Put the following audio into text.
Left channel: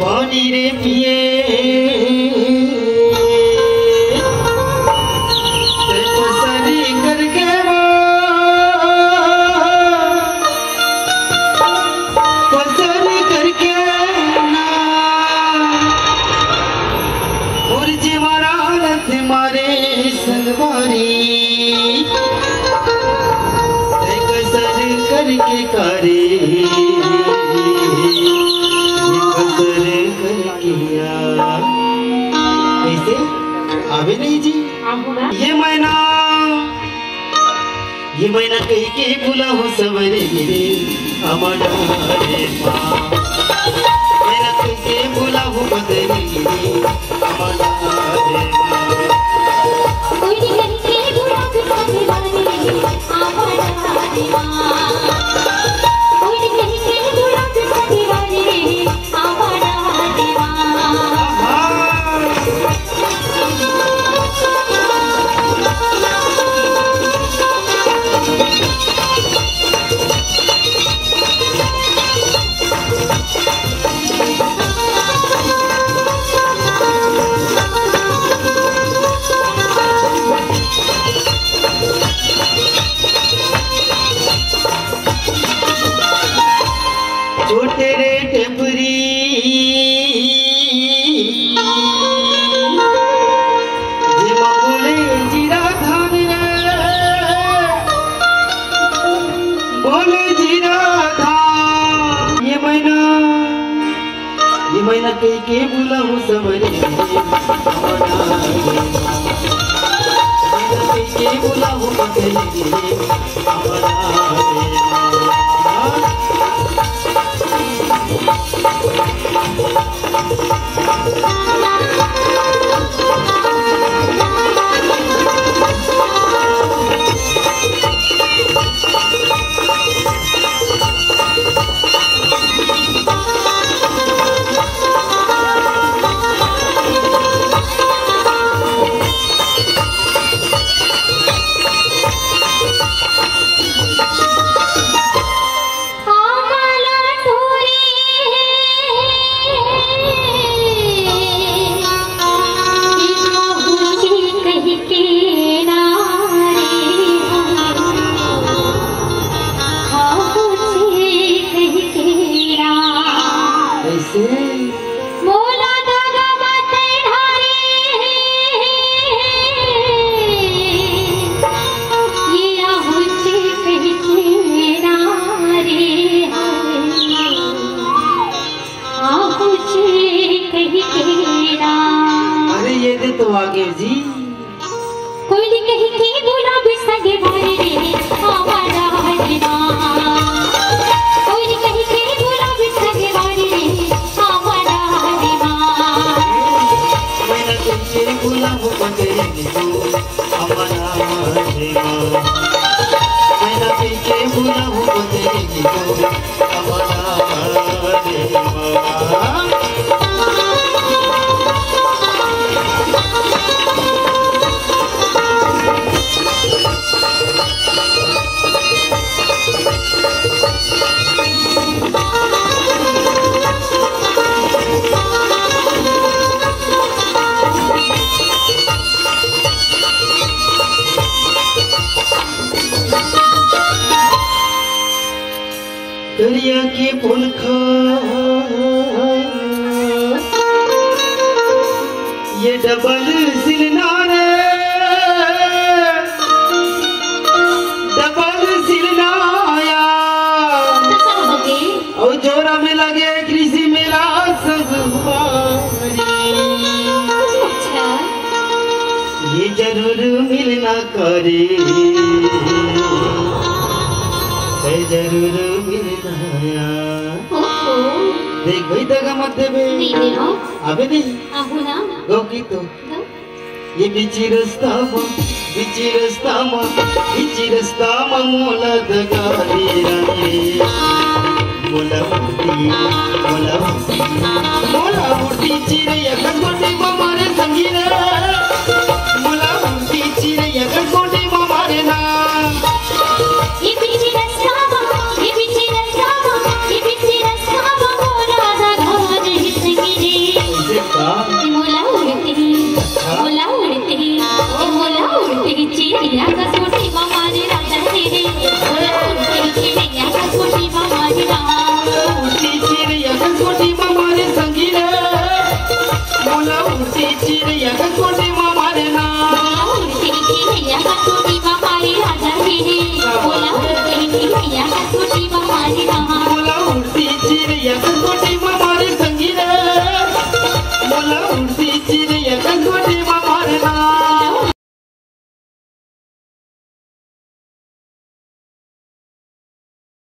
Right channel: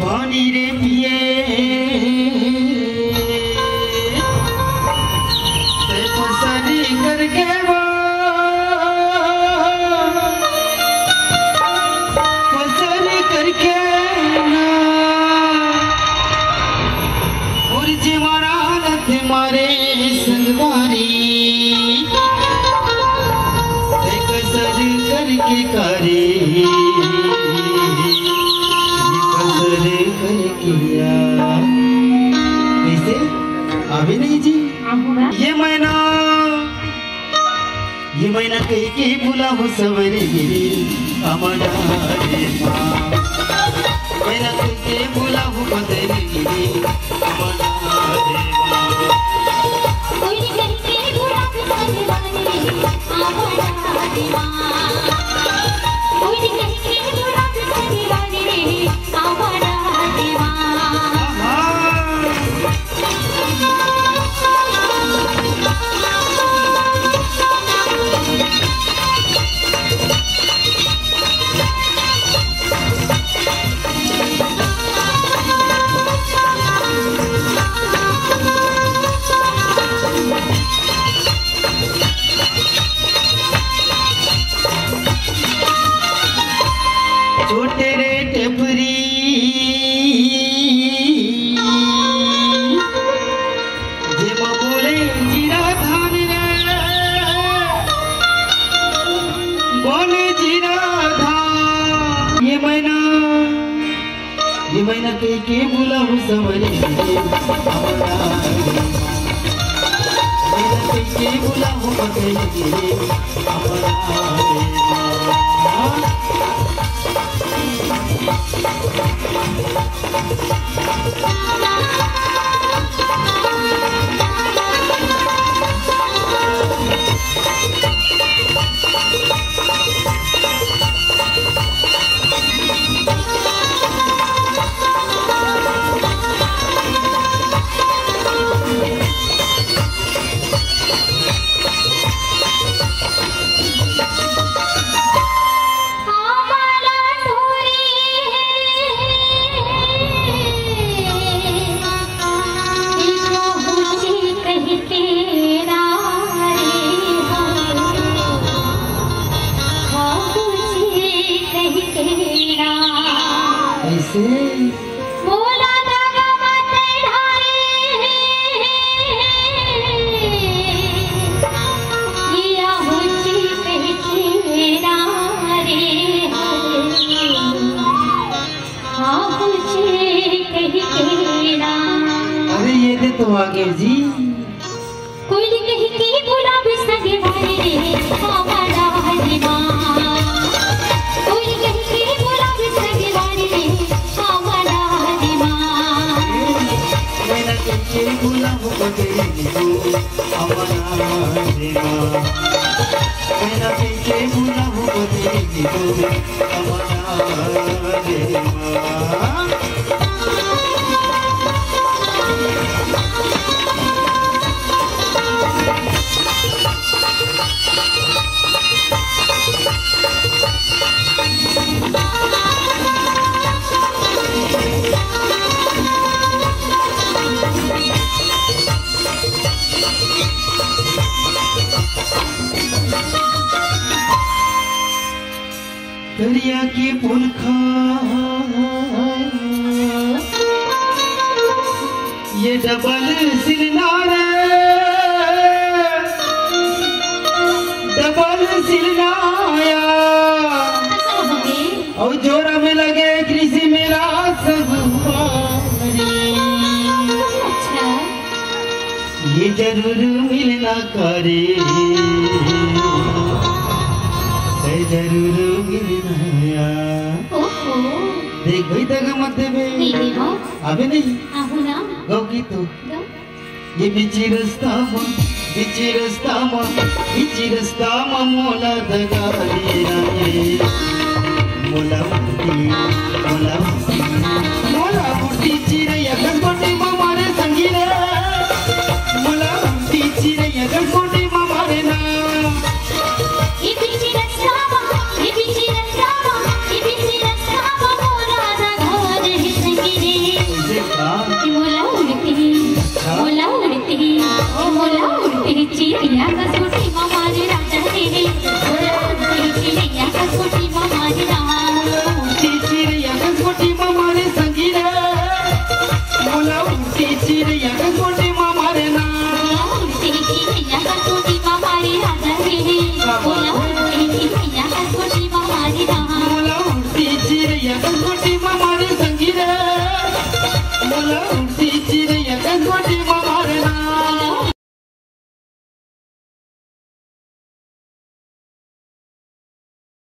पानी रे पिए पसरी करके पसरी करके ना और जीवाना थे मारे सलवारी कसर करके करे कैसे आवे नहीं जी ये मैना कही के बुला हो सवरे हमारा मैना कही के बुला हो बदले हमारा छोटे रे टेपरी जेमा बोले जीरा धान बोले जीरा धान ये मैना कही के बुला हूँ सवरे कही के बुला हूँ बदले हमारा मोला दादा माते ढारे ये आहुति कह के नारे आहुति कह के ना। अरे ये दे तो आगे जी कोई कह के गुलाब संगे भरे हमारा हजमा कोई कह के गुलाब संगे भरे तेरी गुलाब बदलेगी तो हमारा देवा मैना तेरे गुलाब बदलेगी तो हमारा देवा दरिया के पुलखा ये डबल सिलनारे डबल सिलनाया और जोरा में लगे कृषि मेरा सब ये जरूर मिलना करे जरूर मिलना देख भाई दगा मत देवे अबे नहीं गो की तो ये बीची रास्ता मोला दगा मोला मुट्ठी चिरैया गणपति मारे संगीना मोला मुट्ठी चिरैया गणपति मारे ना ये बिची रस्ता मोला दगा मला